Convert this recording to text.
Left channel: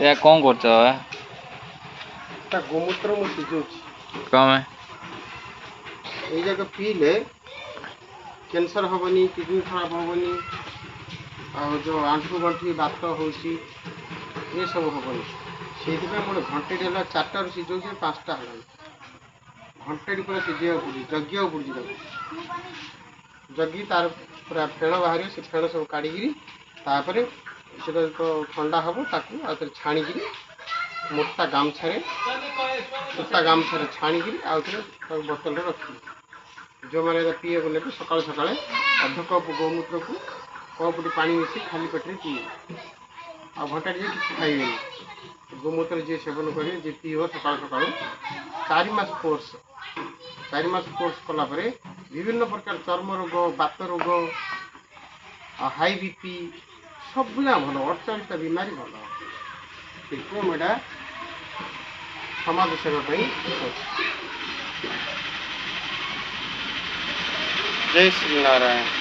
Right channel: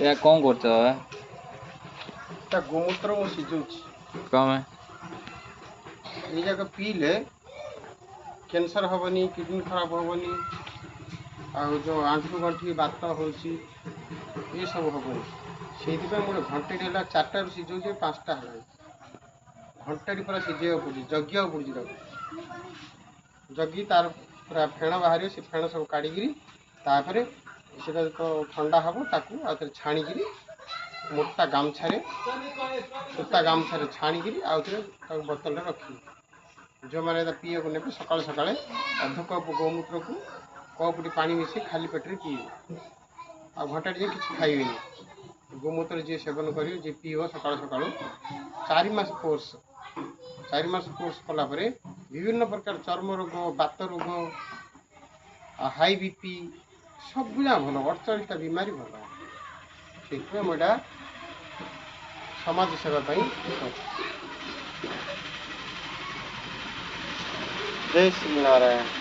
या कौन करछ है गोमूत्र मु सिझौछि कम है ये जगह पीले कैंसर हेनी किडनी खराब हेनी आ जो आंठू गंठी बात होची ये सब हेनी से गोटे घंटे है 4टा सिझौछि 5टा है घंटे पूरा सिझे पड़ी जगिया पड़ी जगी तार पूरा फेण बाहर से फेण सब काढ़ी से ठंडा हम ताकू छाणिकी मोटा गामछा सूता गामछा छाणिकी आउ बोतल रखी जो मैंने पीए को ने सकाल सकाल अध कप गोमूत्र को कपटी पानी मिसी खाली पेटे पीए आ घंटा जे कि खाइबे गोमूत्र जी सेवन करेंगे जी पीव सकाल सकाल 4 मास कोर्स 4 मास कोर्स कलापर विभिन्न प्रकार चर्म रोग बात रोग हाई बीपी सबुला भल 48टा बीमारी भल से मुझा समाज सेवा जय श्री नारायण।